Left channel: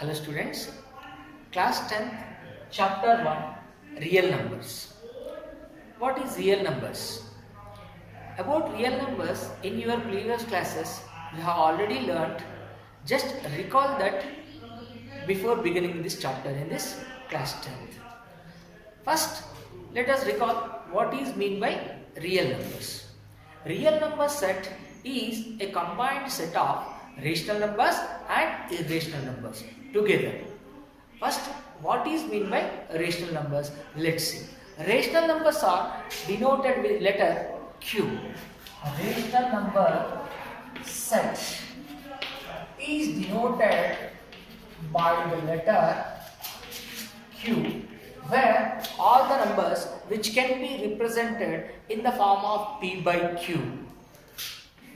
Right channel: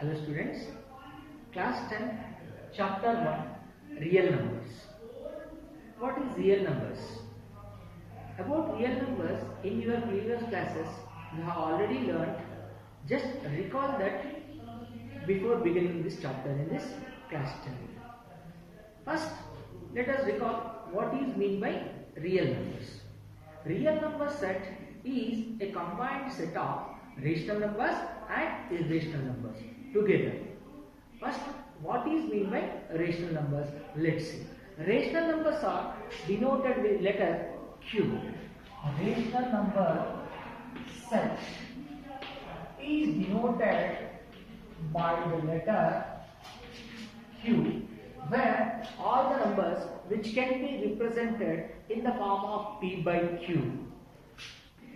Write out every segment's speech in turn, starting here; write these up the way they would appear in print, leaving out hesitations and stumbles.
Hello students, class 10th, chapter 1, real numbers. What is real numbers? About real numbers, in your previous classes, you have already learnt. Just recall that before beginning this chapter in this class 10th. First, let us recall what is meant by real numbers. Real number set is a combined set of rational numbers and irrational numbers together. First, what is meant by rational numbers? Let's see. Rational numbers are denoted with letter Q. A rational number set is denoted by the letter Q, where all the numbers which can be represented in the form of P by Q.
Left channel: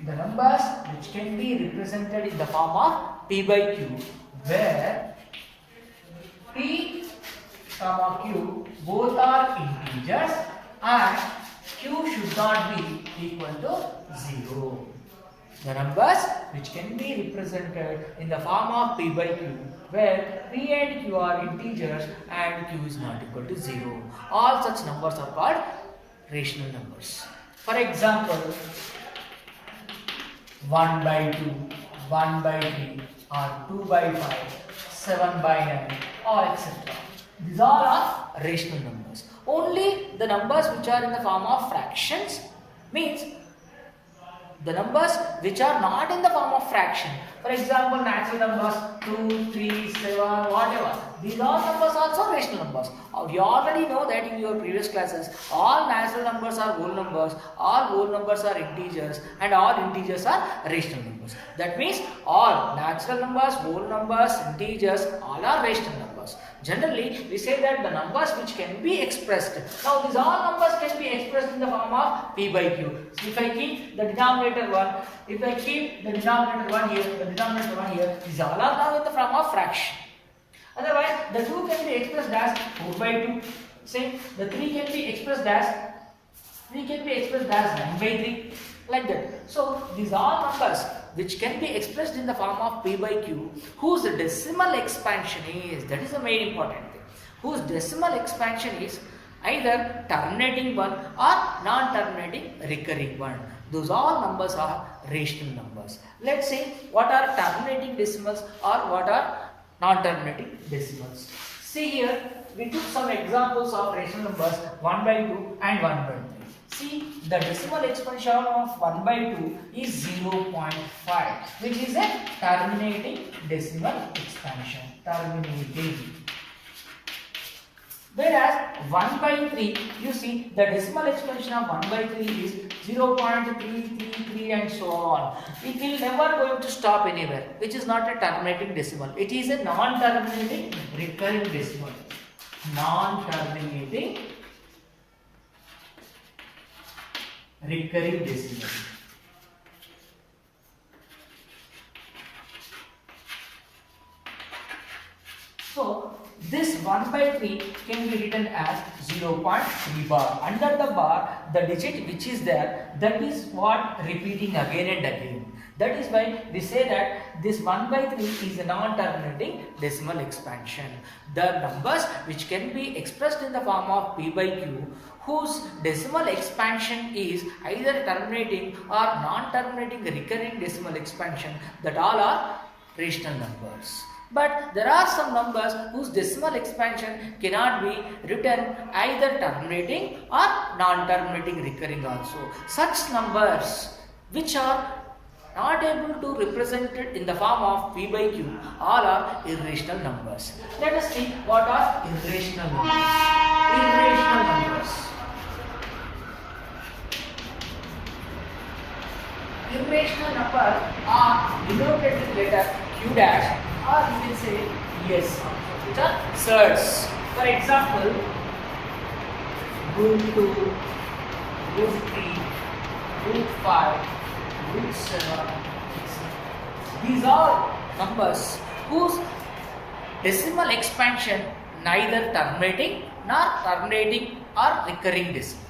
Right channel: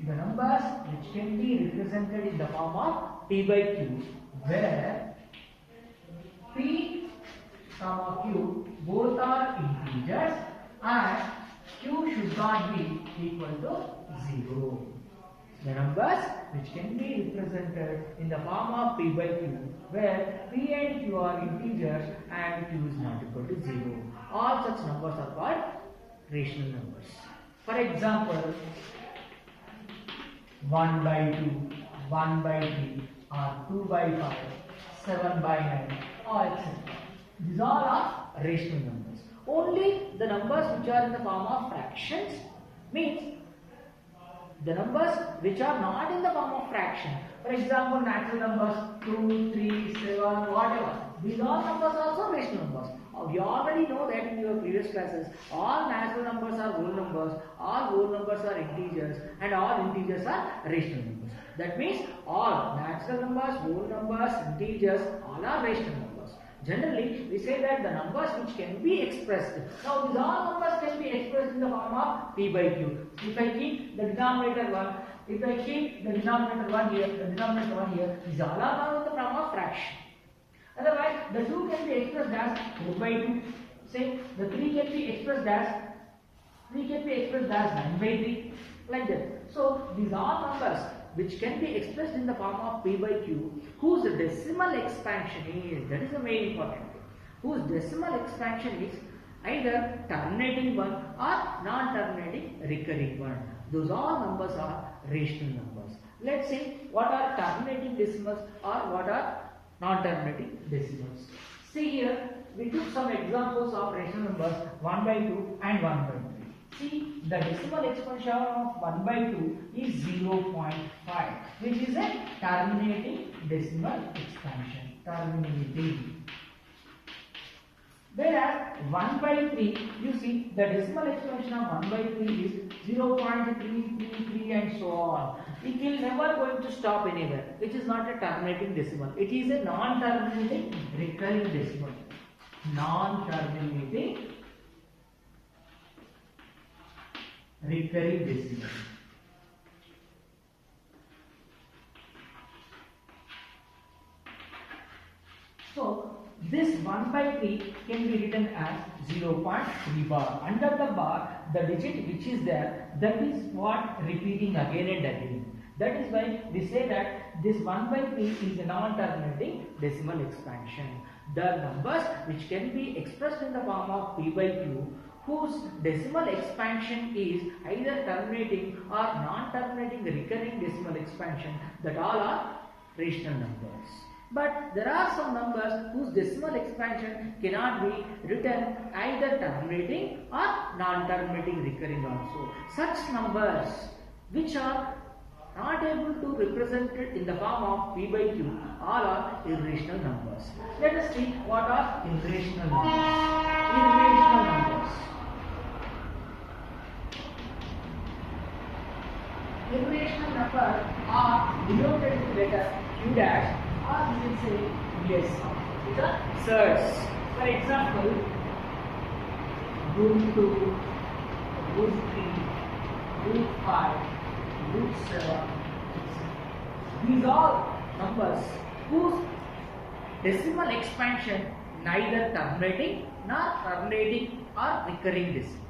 The numbers which can be represented in the form of P by Q, where P, Q both are integers and Q should not be equal to 0. The numbers which can be represented in the form of P by Q, where P and Q are integers and Q is not equal to 0. All such numbers are called rational numbers. For example, 1 by 2, 1 by 3, or 2 by 5, 7 by 9, or etc. These all are rational numbers. Only the numbers which are in the form of fractions means the numbers which are not in the form of fraction. For example, natural numbers 2, 3, 7, whatever. These all numbers are also rational numbers. You already know that in your previous classes, all natural numbers are whole numbers, all whole numbers are integers, and all integers are rational numbers. That means all natural numbers, whole numbers, integers, all are rational numbers. Generally, we say that the numbers which can be expressed. Now, these all numbers can be expressed in the form of P by Q. So, if I keep the denominator 1, if I keep the denominator 1 here, the denominator 1 here, these all are now in the form of fraction. Otherwise, the 2 can be expressed as 4 by 2. Say, the 3 can be expressed as 9 by 3. Like that. So, these are numbers which can be expressed in the form of P by Q, whose decimal expansion is, that is the main important thing, whose decimal expansion is either terminating one or non-terminating recurring one. Those all numbers are rational numbers. Let's see what are terminating decimals or what are non-terminating decimals. See here, we took some examples of rational numbers 1 by 2 and 1 by 3. See, the decimal expansion of 1 by 2 is 0.5, which is a terminating decimal expansion. Terminating. Whereas 1 by 3, you see, the decimal expansion of 1 by 3 is 0.333 and so on. It will never going to stop anywhere, which is not a terminating decimal. It is a non-terminating recurring decimal. Non-terminating recurring decimal. So, this 1 by 3 can be written as 0.3 bar. Under the bar, the digit which is there, that is what repeating again and again. That is why we say that this 1 by 3 is a non-terminating decimal expansion. The numbers which can be expressed in the form of P by Q, whose decimal expansion is either terminating or non-terminating recurring decimal expansion, that all are rational numbers. But there are some numbers whose decimal expansion cannot be written either terminating or non-terminating recurring also. Such numbers which are not able to represent it in the form of P by Q, all are irrational numbers. Let us see what are irrational numbers. Irrational numbers. Irrational numbers are denoted with letter Q dash, or you will say yes, which are surds. For example, root 2, root 3, root 5, root 7, these are numbers whose decimal expansion neither terminating nor terminating or recurring decimal.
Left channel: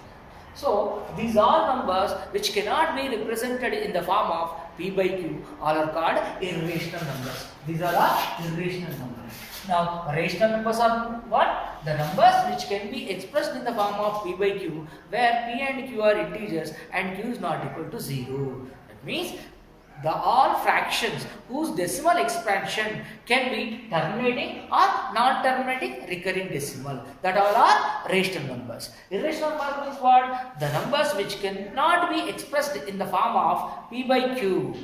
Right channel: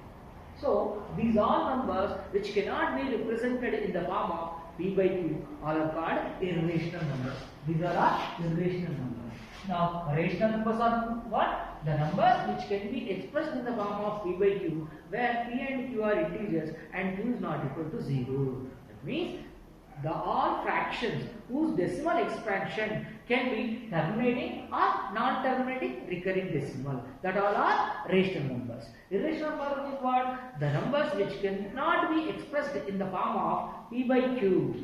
So, these are numbers which cannot be represented in the form of P by Q, all are called irrational numbers. These are the irrational numbers. Now, rational numbers are what? The numbers which can be expressed in the form of P by Q, where P and Q are integers and Q is not equal to 0. That means the all fractions whose decimal expansion can be terminating or non-terminating recurring decimal. That all are rational numbers. Irrational number means what? The numbers which cannot be expressed in the form of P by Q.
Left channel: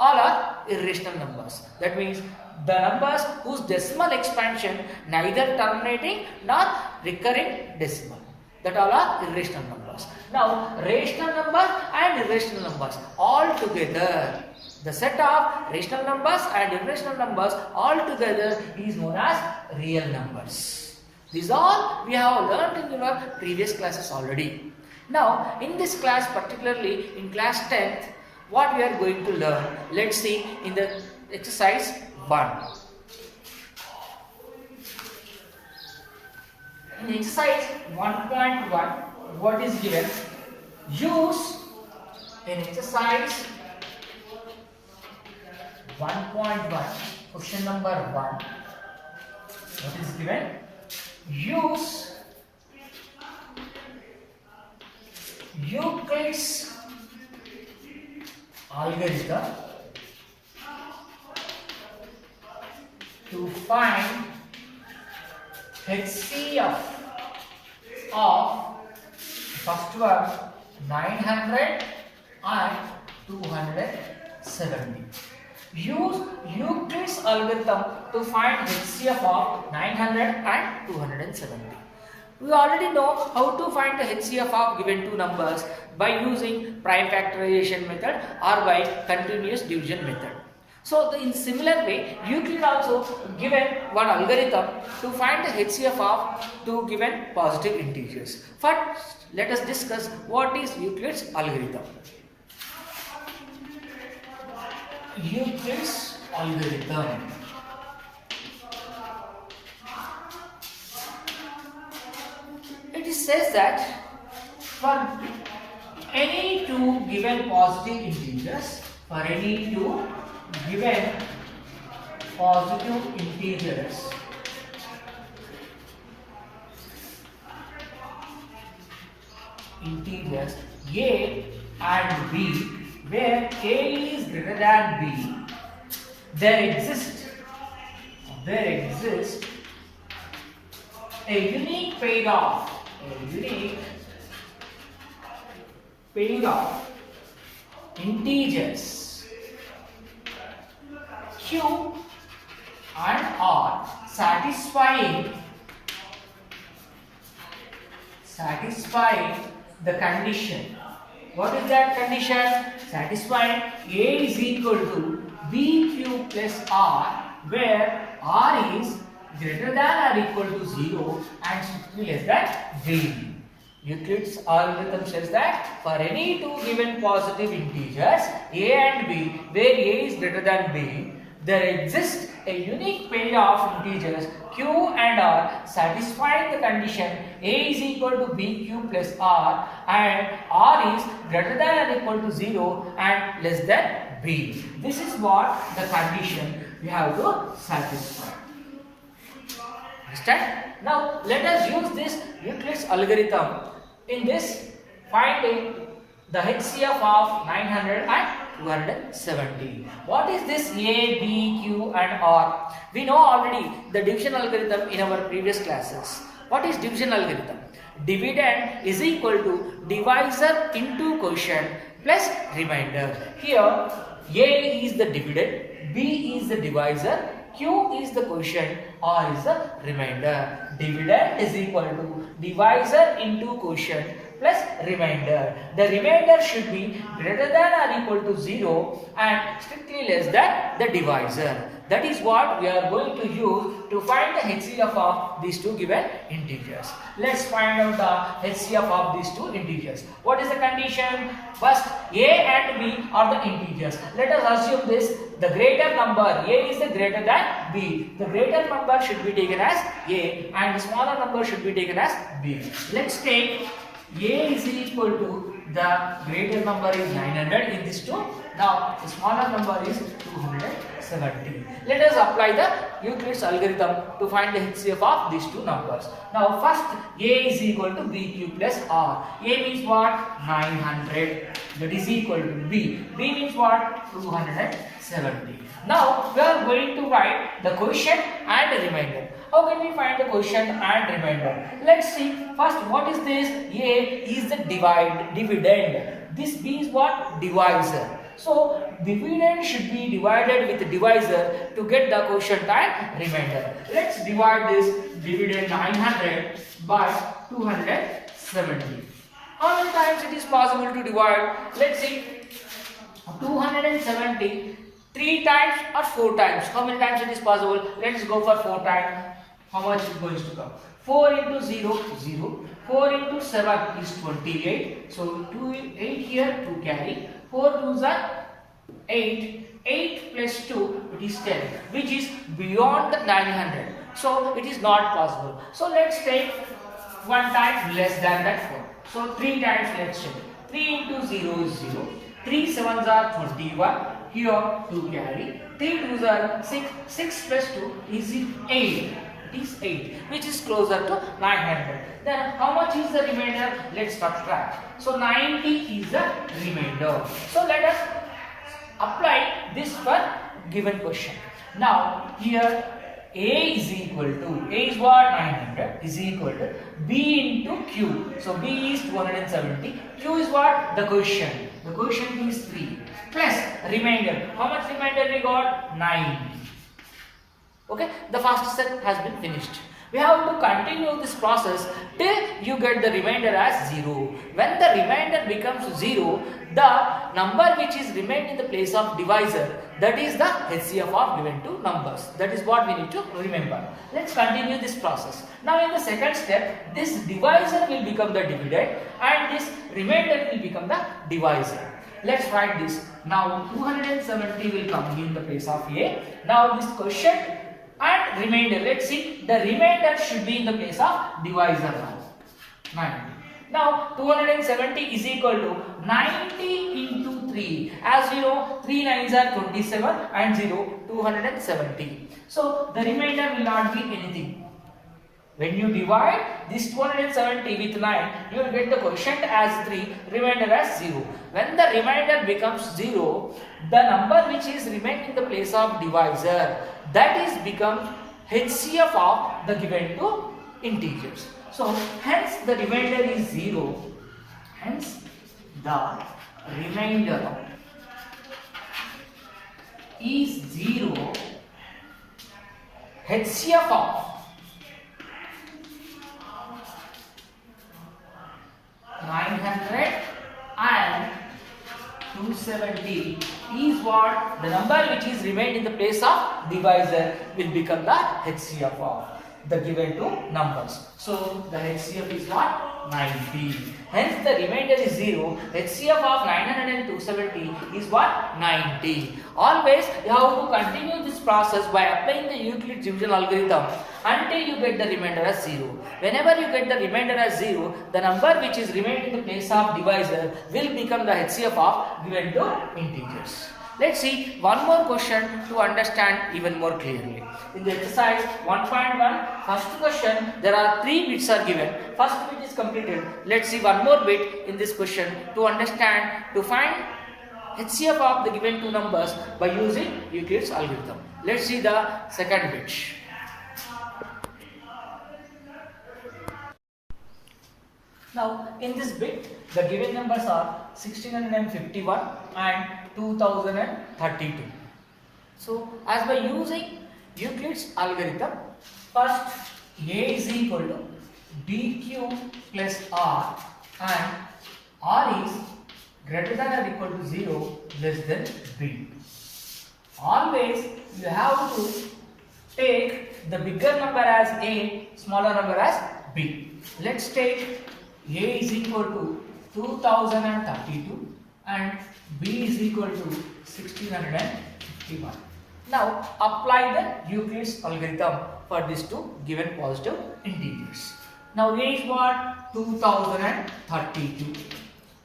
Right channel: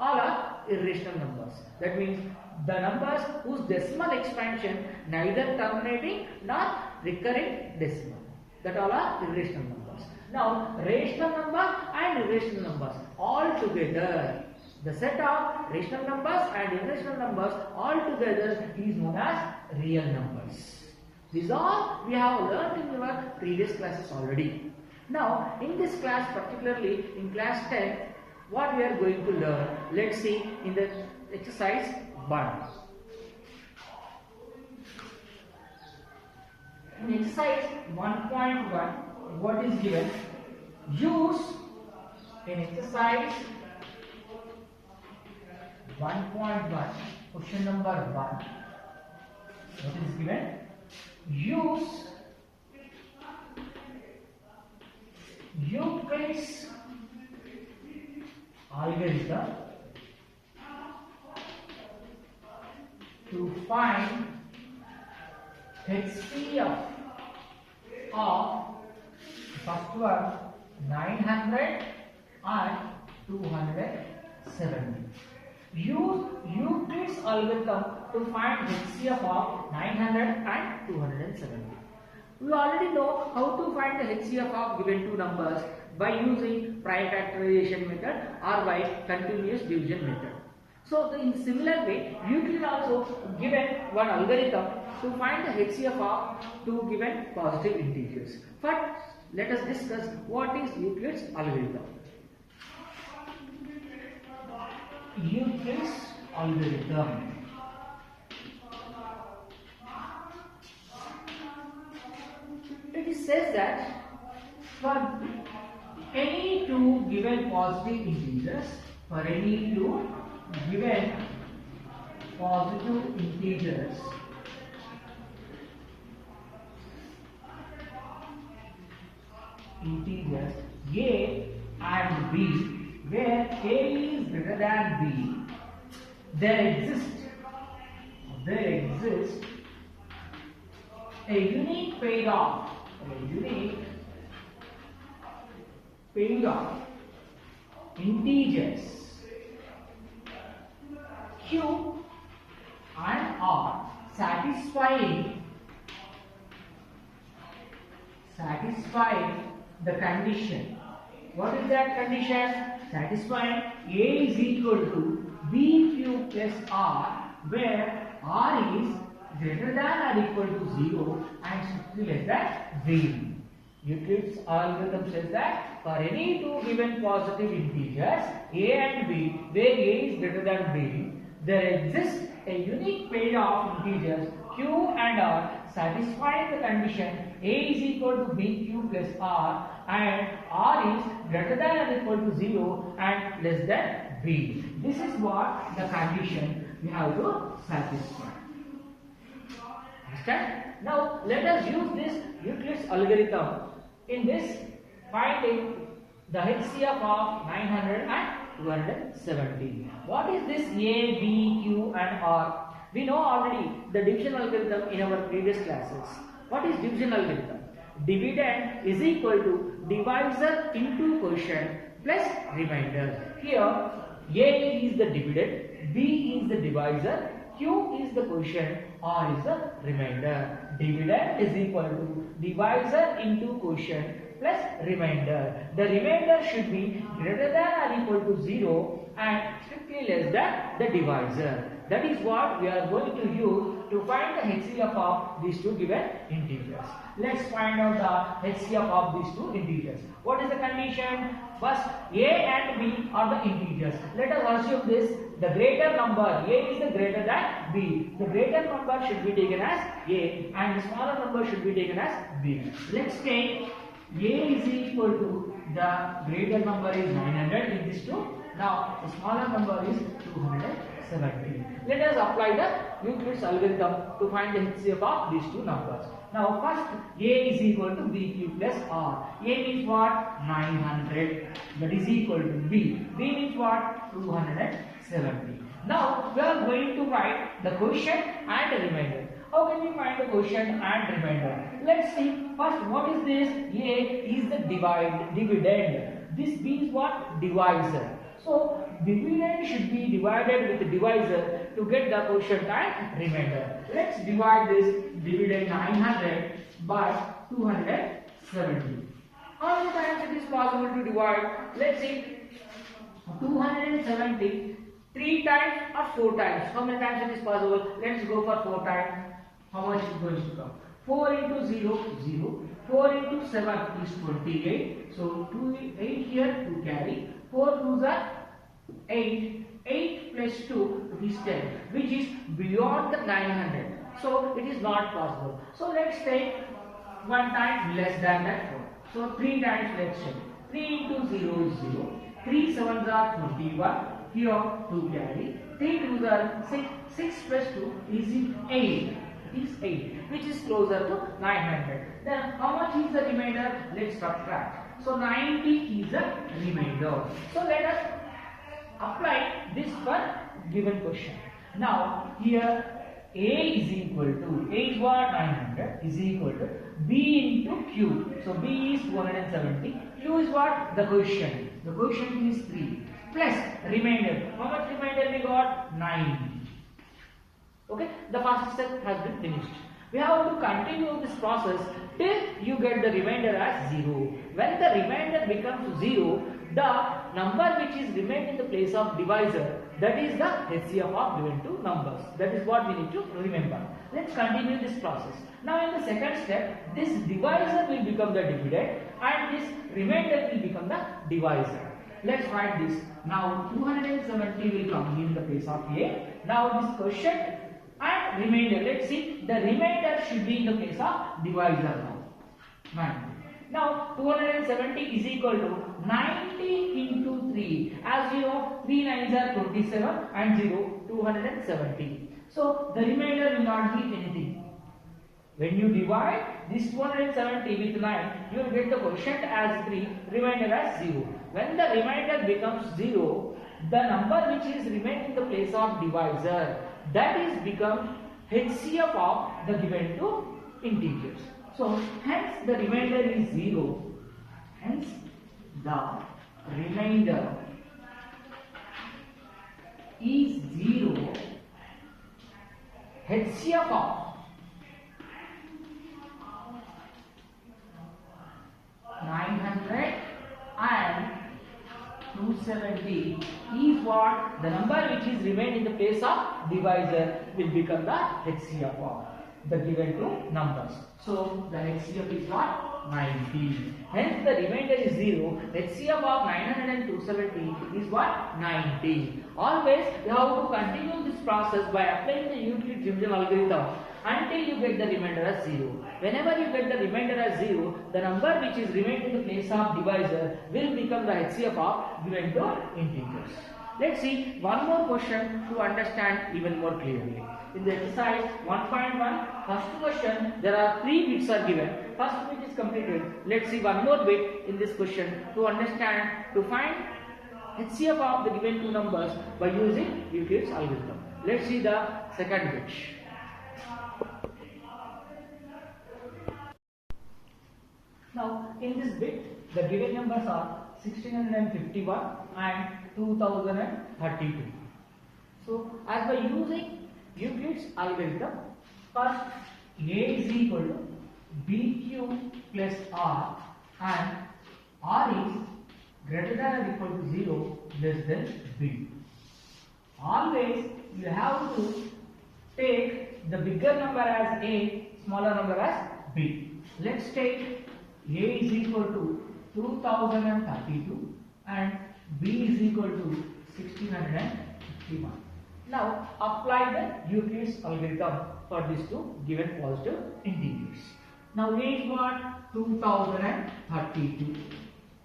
All are irrational numbers. That means the numbers whose decimal expansion neither terminating nor recurring decimal. That all are irrational numbers. Now, rational numbers and irrational numbers all together, the set of rational numbers and irrational numbers all together is known as real numbers. These all we have learnt in our previous classes already. Now, in this class, particularly in class 10th, what we are going to learn, let's see in the exercise 1. In exercise 1.1, what is given? Use in exercise 1.1, question number 1. What is given? Use Euclid's algorithm to find HCF of first one 900 and 270. Use Euclid's algorithm to find HCF of 900 and 270. We already know how to find the HCF of given two numbers by using prime factorization method or by continuous division method. So, in similar way, Euclid also given one algorithm to find the HCF of two given positive integers. First, let us discuss what is Euclid's algorithm. Euclid's algorithm. It says that for any two given positive integers, given positive integers, A and B, where A is greater than B, there exists a unique pair of integers Q and R satisfying the condition. What is that condition? Satisfying A is equal to BQ plus R, where R is greater than or equal to 0 and strictly less than B. Euclid's algorithm says that for any two given positive integers A and B, where A is greater than B, there exists a unique pair of integers Q and R satisfying the condition A is equal to BQ plus R and R is greater than or equal to 0 and less than B. This is what the condition we have to satisfy. Understand? Now let us use this Euclid's algorithm in this finding the HCF of 900 and 270. What is this A, B, Q and R? We know already the division algorithm in our previous classes. What is division algorithm? Dividend is equal to divisor into quotient plus remainder. Here A is the dividend, B is the divisor, Q is the quotient, R is the remainder. Dividend is equal to divisor into quotient plus remainder. The remainder should be greater than or equal to 0 and strictly less than the divisor. That is what we are going to use to find the HCF of these two given integers. Let's find out the HCF of these two integers. What is the condition? First, A and B are the integers. Let us assume this, the greater number, A is the greater than B. The greater number should be taken as A and the smaller number should be taken as B. Let's take A is equal to, the greater number is 900 in these two Now the smaller number is 270. Let us apply the Euclid's algorithm to find the HCF of these two numbers. Now first A is equal to BQ plus R. A means what? 900. That is equal to B. B means what? 270. Now we are going to write the quotient and the remainder. How can we find the quotient and remainder? Let's see. First, what is this? A is the dividend. This B is what? Divisor. So dividend should be divided with the divisor to get the quotient and remainder. Let's divide this dividend 900 by 270. How many times it is possible to divide? Let's see. 270 3 times or 4 times. How many times it is possible? Let's go for 4 times. How much is going to come? 4 into 0, 0. 4 into 7 is 28. So 8 here to carry. 4 2s are 8. 8 plus 2, it is 10, which is beyond the 900. So it is not possible. So let's take 1 time less than that 4. So 3 times let's check. 3 into 0 is 0. 3 7s are 21. Here 2 carry. 3 2s are 6. 6 plus 2 is 8. It is 8, which is closer to 900. Then how much is the remainder? Let's subtract. So 90 is the remainder. So let us apply this for given question. Now here A is equal to, A is what? 900 is equal to B into Q. So B is 270. Q is what? The quotient. The quotient is 3 plus remainder. How much remainder we got? 9. Okay, the first step has been finished. We have to continue this process till you get the remainder as 0. When the remainder becomes 0, the number which is remained in the place of divisor, that is the HCF of given two numbers. That is what we need to remember. Let's continue this process. Now in the second step, this divisor will become the dividend and this remainder will become the divisor. Let's write this. Now 270 will come in the place of A. Now this quotient and remainder, let's see, the remainder should be in the place of divisor now. 90. Now 270 is equal to 90 into 3. As you know, 3 9s are 27 and 0, 270. So the remainder will not be anything. When you divide this 270 with 9, you will get the quotient as 3, remainder as 0. When the remainder becomes 0, the number which is remained in the place of divisor, that is becomes HCF of the given two integers. So hence the remainder is 0. Hence the remainder is 0. HCF of 900 and 270 is what? The number which is remained in the place of divisor will become the HCF of the given two numbers. So the HCF is what? 90. Hence the remainder is 0. HCF of 900 and 270 is what? 90. Always you have to continue this process by applying the Euclid division algorithm until you get the remainder as 0. Whenever you get the remainder as 0, the number which is remained in the place of divisor will become the HCF of given two integers. Let's see one more question to understand even more clearly. In the exercise 1.1, first question, there are 3 bits are given. First bit is completed. Let's see one more bit in this question to understand, to find HCF of the given two numbers by using Euclid's algorithm. Let's see the second bit. Now in this bit, the given numbers are 1651 and 2032. So as by using Euclid's algorithm, first A is equal to BQ plus R and R is greater than or equal to 0 less than B. Always you have to take the bigger number as A, smaller number as B. Let's take A is equal to 2032 and B is equal to 1651. Now apply the Euclid's algorithm for these two given positive integers. Now A is what? 2032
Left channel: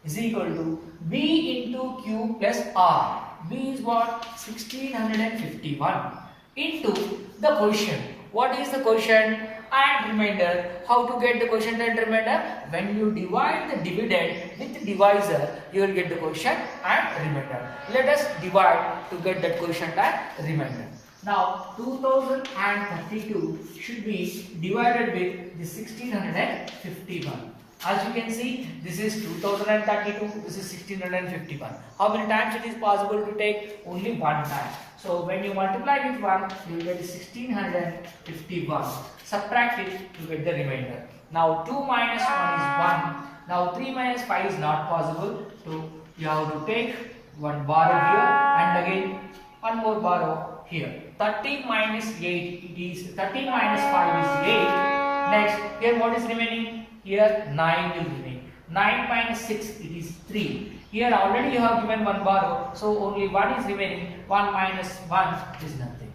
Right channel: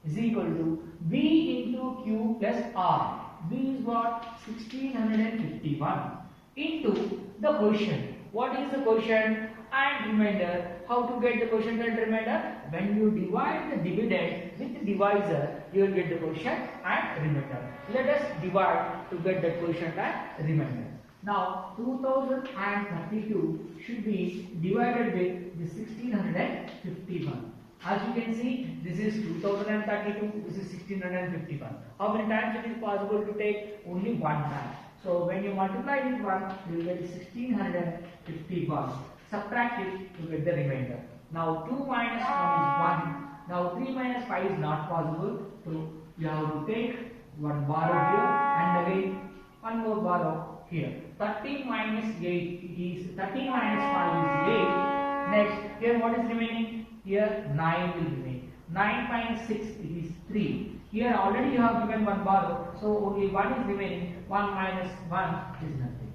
is equal to B into Q plus R. B is what? 1651 into the quotient. What is the quotient and remainder? How to get the quotient and remainder? When you divide the dividend with divisor, you will get the quotient and remainder. Let us divide to get that quotient and remainder. Now 2032 should be divided with the 1651. As you can see, this is 2032, this is 1651. How many times it is possible to take? Only one time. So when you multiply with 1, you will get 1651. Subtract it to get the remainder. Now 2 minus 1 is 1. Now 3 minus 5 is not possible. So you have to take one borrow here and again one more borrow here. 13 minus 8, it is 13 minus 5 is 8. Next, here what is remaining? Here 9 will remain. 9 minus 6, it is 3. Here already you have given one borrow, so only 1 is remaining. 1 minus 1 is nothing.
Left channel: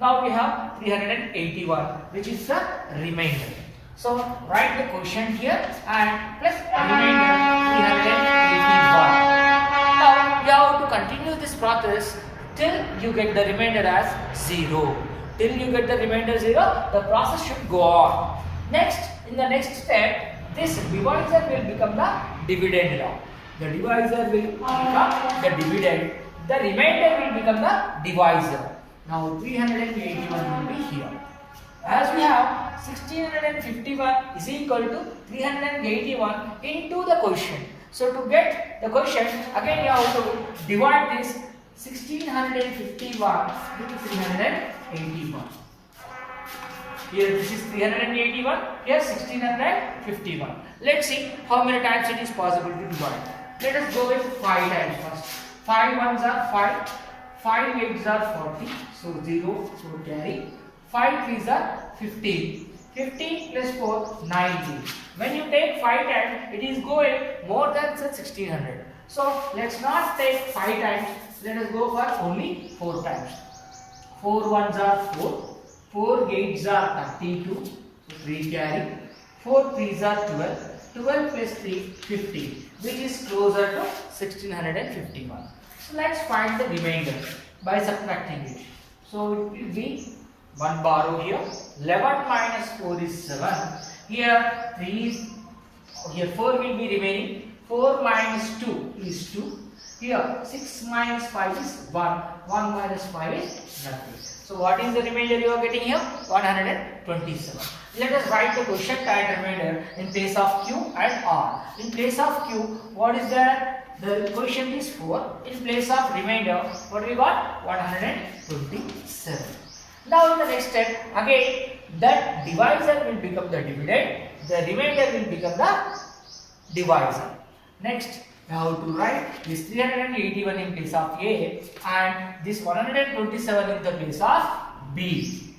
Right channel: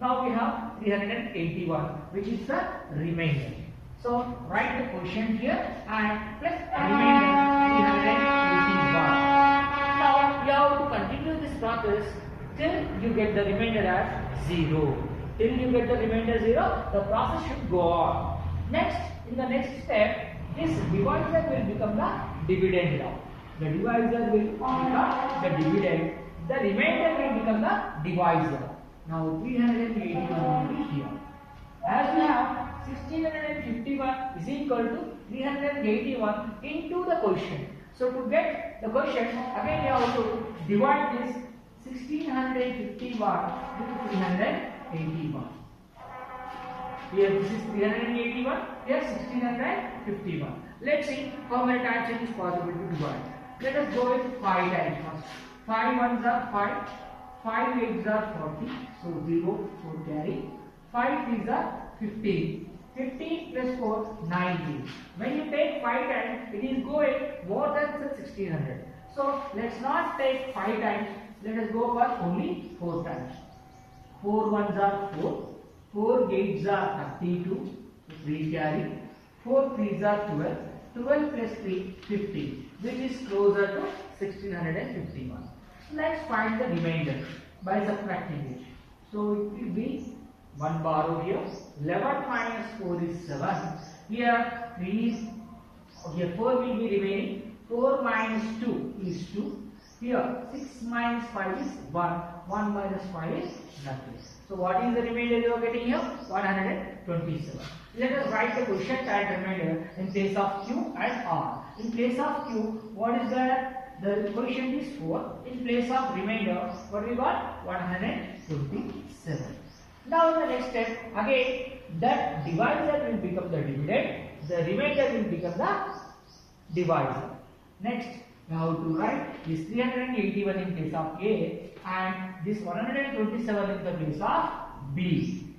Now we have 381, which is the remainder. So write the quotient here and plus remainder 381. Now you have to continue this process till you get the remainder as 0. Till you get the remainder 0, the process should go on. Next, in the next step, this divisor will become the dividend now. The divisor will become the dividend. The remainder will become the divisor. Now 381 will be here. As we have 1651 is equal to 381 into the quotient. So to get the quotient, again you have to divide this 1651 into 381. Here this is 381, here 1651. Let's see how many times it is possible to divide. Let us go with 5 times first. 5 ones are 5, 5 eights are 40, so 0, 4 carry. 5 threes are 15. 15 plus 4, 90. When you take 5 times, it is going more than 1600. So let's not take 5 times, let us go for only 4 times. 4 ones are 4. 4 eights are 32, so 3 carry. 4 threes are 12. 12 plus 3, 50, which is closer to 1651. So let's find the remainder by subtracting it. So it will be 1 borrow here. 11 minus 4 is 7. Here 3 is, here 4 will be remaining. 4 minus 2 is 2. Here 6 minus 5 is 1. 1 minus 5 is nothing. So what is the remainder you are getting here? 127. Let us write the quotient and remainder in place of Q and R. In place of Q, what is there? The quotient is 4. In place of remainder, what we got? 127. Now in the next step, again that divisor will become the dividend. The remainder will become the divisor. Next, we have to write this 381 in place of A and this 127 in the place of B.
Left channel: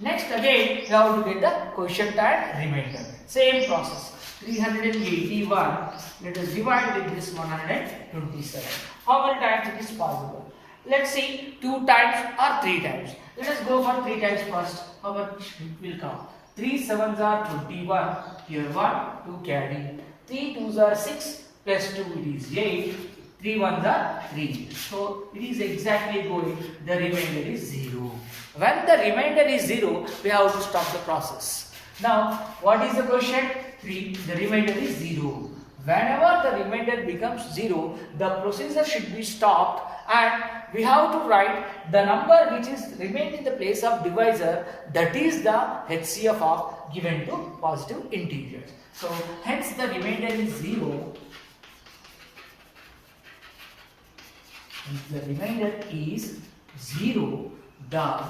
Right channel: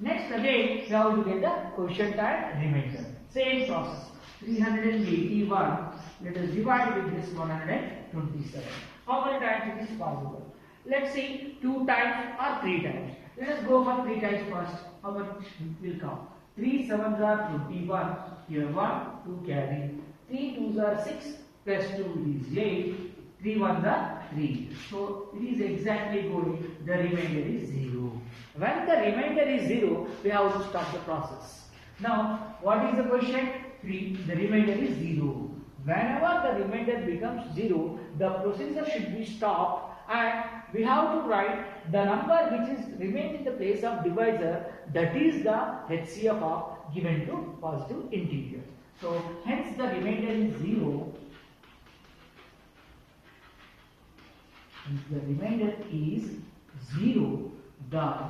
Next again, we have to get the quotient and remainder. Same process. 381. Let us divide with this 127. How many times it is possible? Let's see 2 times or 3 times. Let us go for 3 times first. How much will come? 3 sevens are 21. Here 1, 2 carry. 3 twos are 6 plus 2 it is 8. 3 ones are 3. So it is exactly going. The remainder is 0. When the remainder is 0, we have to stop the process. Now, what is the quotient? 3. The remainder is 0. Whenever the remainder becomes 0, the procedure should be stopped and we have to write the number which is remained in the place of divisor, that is the HCF of given to positive integers. So, hence the remainder is 0. If the remainder is 0, the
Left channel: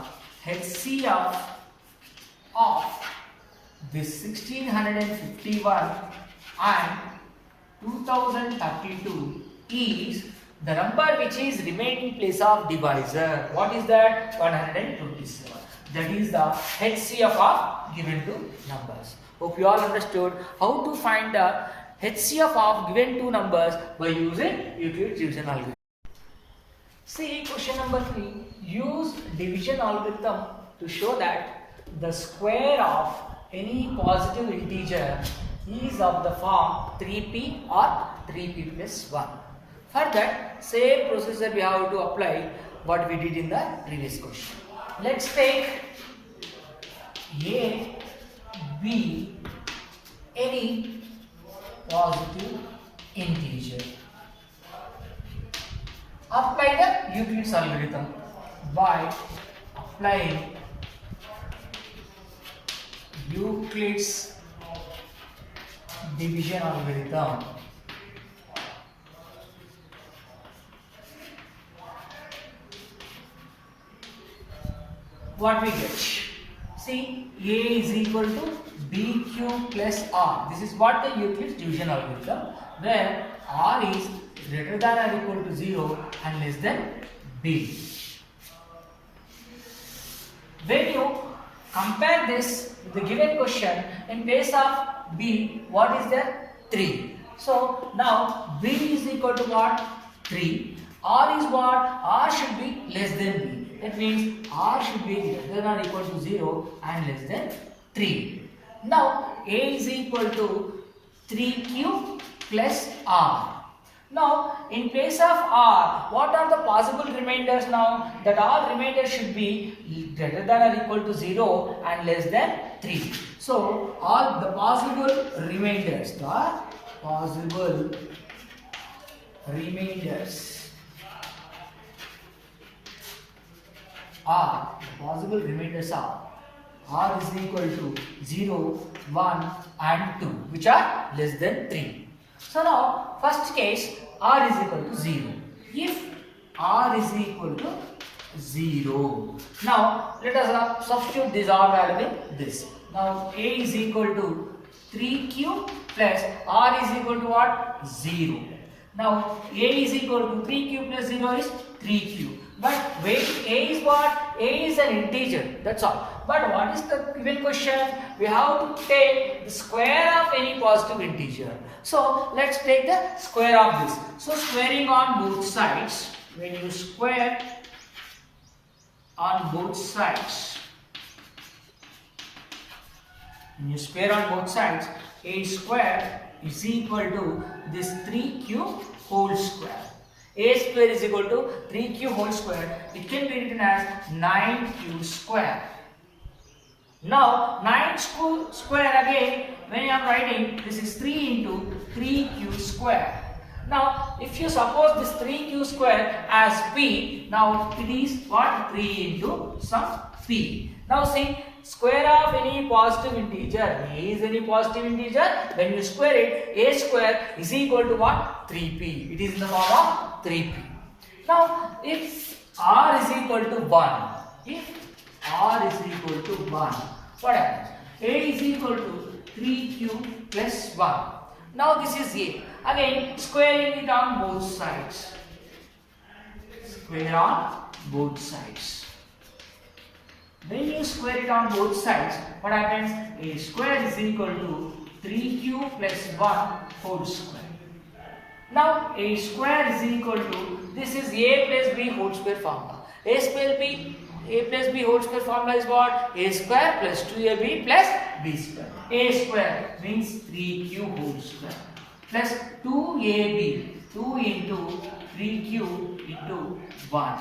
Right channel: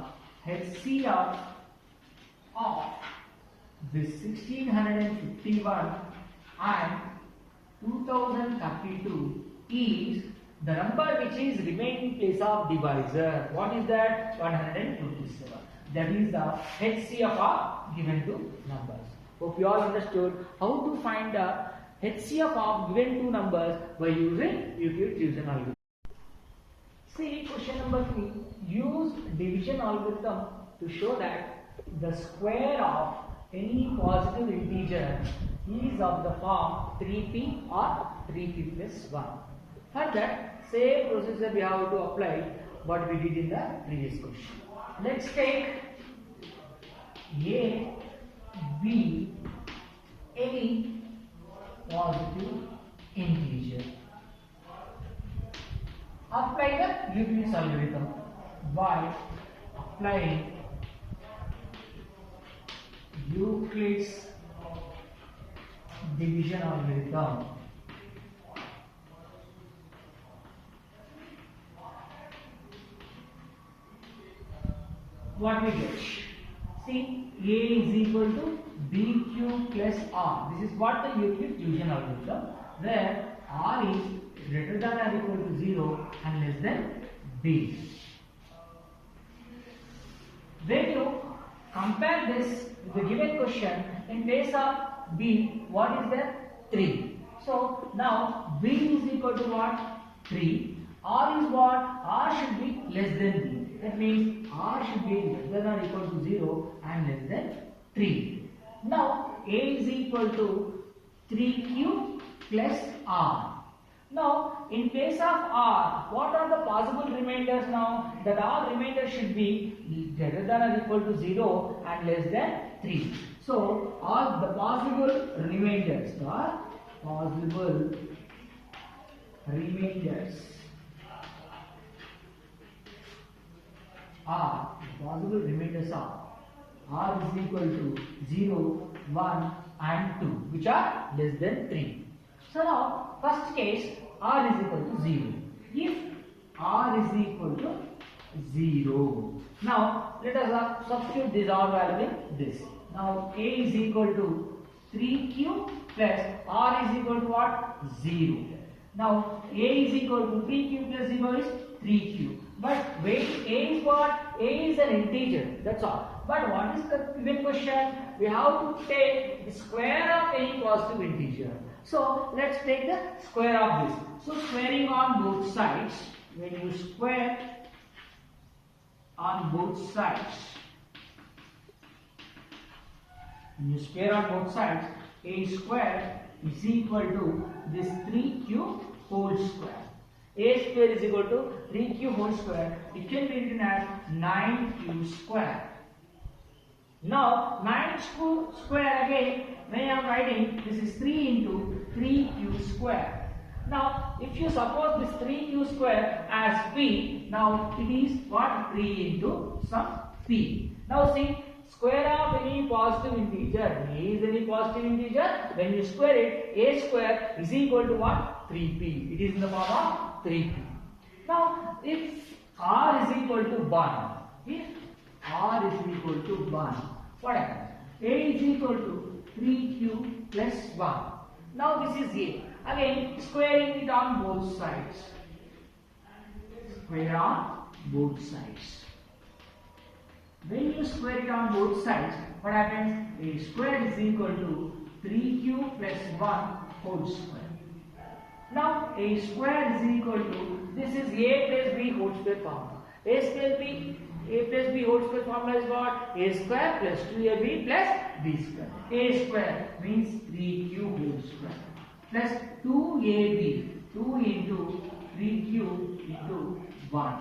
HCF of this 1651 and 2032 is the number which is remained in place of divisor. What is that? 127. That is the HCF of given two numbers. Hope you all understood how to find the HCF of given two numbers by using Euclid's division algorithm. See question number 3. Use division algorithm to show that the square of any positive integer is of the form 3p or 3p plus 1. For that, same procedure we have to apply what we did in the previous question. Let's take A, B, any positive integer. Apply the Euclid's algorithm by applying Euclid's division algorithm. What we get? See, A is equal to B cube plus R. This is what the Euclid's division algorithm, where R is greater than or equal to 0 and less than B. When you compare this with the given question, in place of B, what is there? 3. So now B is equal to what? 3. R is what? R should be less than B. That means R should be greater than or equal to 0 and less than 3. Now A is equal to 3Q plus R. Now in place of R, what are the possible remainders now? That R remainder should be greater than or equal to 0 and less than 3. So all the possible remainders are R is equal to 0, 1 and 2, which are less than 3. So now first case, R is equal to 0. If R is equal to 0, now let us substitute this R value in this. Now A is equal to 3Q plus R is equal to what? 0. Now A is equal to 3Q plus 0 is 3Q. But wait, A is what? A is an integer, that's all. But what is the given question? We have to take the square of any positive integer. So let's take the square of this. So squaring on both sides, when you square on both sides, A square is equal to this 3Q whole square. A square is equal to 3Q whole square. It can be written as 9Q square. Now 9 square again, when I am writing, this is 3 into 3Q square. Now if you suppose this 3Q square as P, now it is what? 3 into some P. Now see, square of any positive integer, A is any positive integer, when you square it, A square is equal to what? 3P. It is in the form of 3P. Now if R is equal to 1, what happens? A is equal to 3Q plus 1. Now this is A. Again squaring it on both sides. Square on both sides. When you square it on both sides, what happens? A square is equal to 3Q plus 1 whole square. Now A square is equal to, this is A plus B whole square formula. A plus B whole square formula is what? A square plus 2AB plus B square. A square means 3Q whole square plus 2AB, 2 into 3Q into 1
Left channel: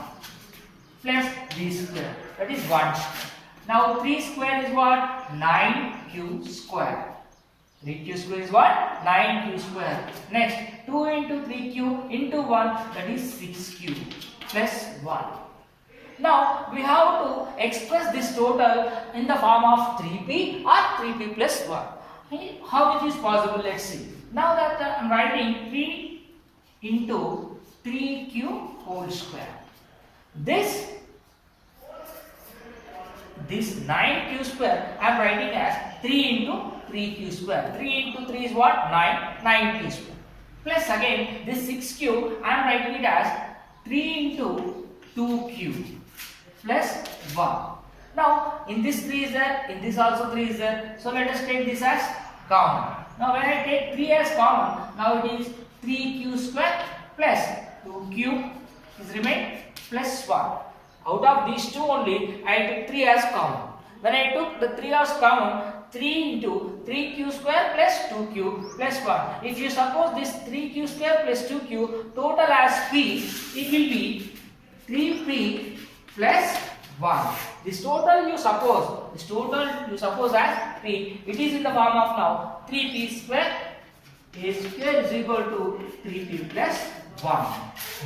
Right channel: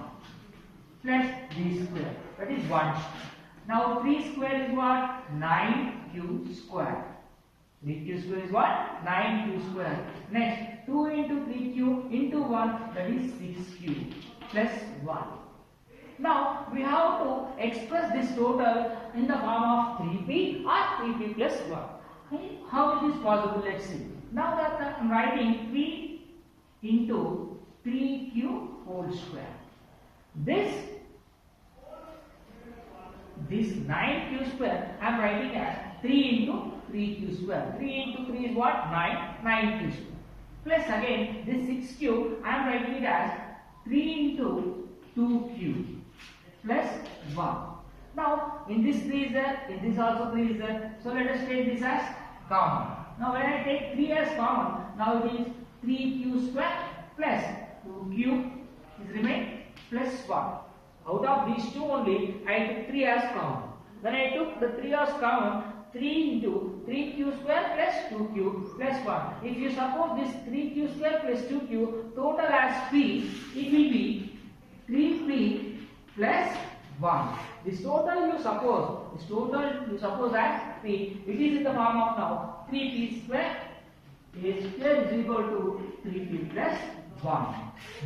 plus B square, that is 1 square. Now 3 square is what? 9Q square. 3Q square is what? 9Q square. Next 2 into 3Q into 1, that is 6Q plus 1. Now we have to express this total in the form of 3P or 3P plus 1. How it is possible? Let's see. Now that I am writing 3 into 3Q whole square. This 9Q square I am writing as 3 into 3Q square. 3 into 3 is what? 9Q square. Plus again this 6Q I am writing it as 3 into 2Q plus 1. Now in this 3 is there, in this also 3 is there. So let us take this as common. Now when I take 3 as common, now it is 3Q square plus 2Q is remain plus 1. Out of these two only I took 3 as common. When I took the 3 as common, 3 into 3q square plus 2q plus 1. If you suppose this 3q square plus 2q total as p, it will be 3p plus 1. This total you suppose as p. It is in the form of now 3p square. A square is equal to 3p plus 1.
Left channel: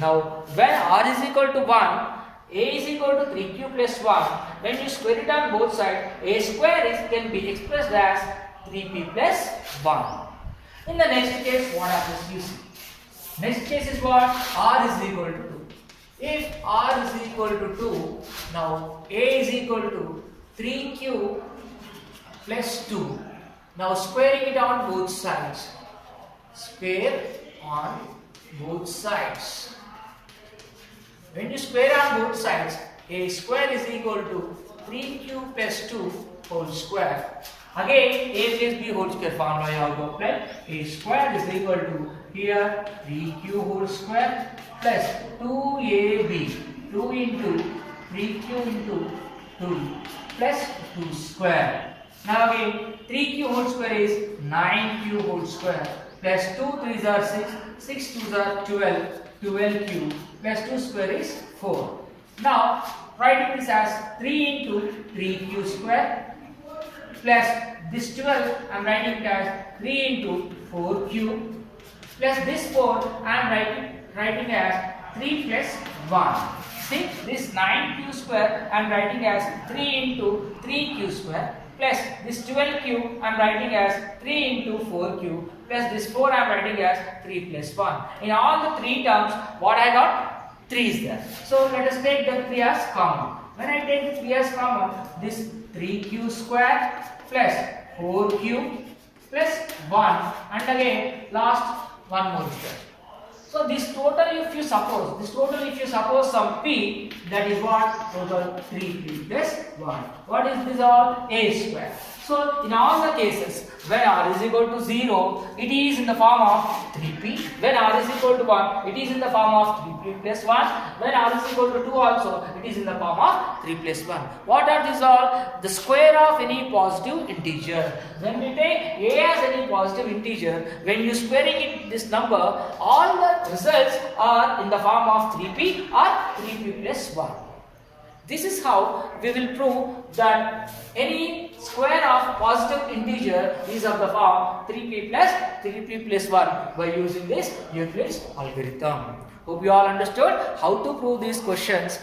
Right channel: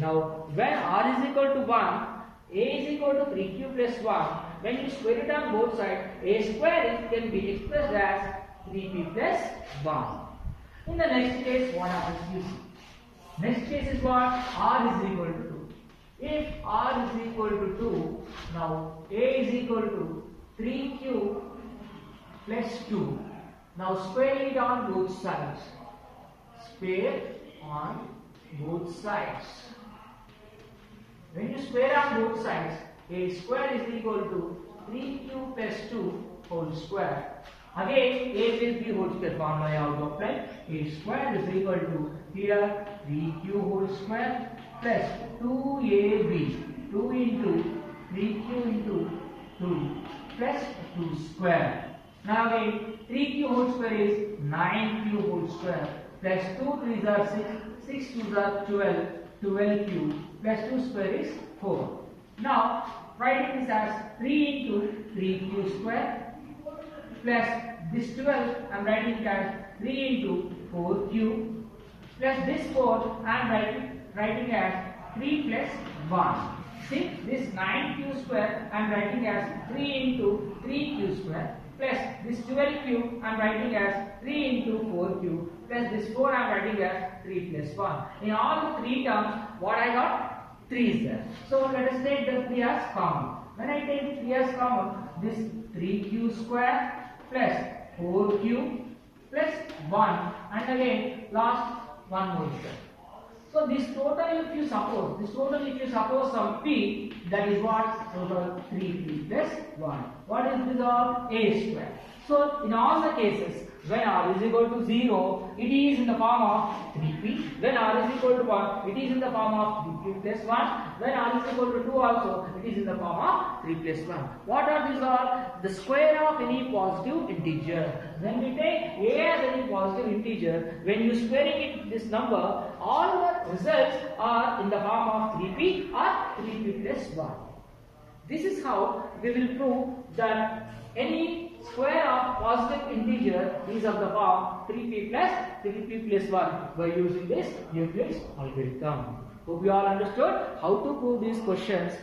Now when r is equal to 1, a is equal to 3q plus 1. When you square it on both sides, a square can be expressed as 3p plus 1. In the next case, what happens you see? Next case is what? R is equal to 2. If r is equal to 2, now a is equal to 3q plus 2. Now squaring it on both sides. Square on both sides. When you square on both sides, a square is equal to 3q plus 2 whole square. Again, a plus b whole square formula you have to apply. A square is equal to here 3q whole square plus 2ab, 2 into 3q into 2 plus 2 square. Now again, 3q whole square is 9q whole square plus 2 3s are 6, 6 2s are 12, 12q plus 2 square is 4. Now writing this as 3 into 3q square plus this 12 I am writing it as 3 into 4q plus this 4 I am writing as 3 plus 1. See, this 9q square I am writing as 3 into 3q square plus this 12q I am writing as 3 into 4q plus this 4 I am writing as 3 plus 1. In all the three terms, what I got? 3 is there. So let us take the 3 as common. When I take the 3 as common, this 3q square plus 4q plus 1 and again last one more square. So this total if you suppose some p, that is what? Total 3p plus 1. What is this all? A square. So in all the cases when r is equal to 0, it is in the form of 3p. When r is equal to 1, it is in the form of 3p plus 1. When r is equal to 2 also, it is in the form of 3 plus 1. What are these all? The square of any positive integer. When we take a as any positive integer, when you squaring it this number, all the results are in the form of 3p or 3p plus 1. This is how we will prove that any square of positive integer is of the form 3p plus 1 by using this Euclid's algorithm. Hope you all understood how to prove these questions.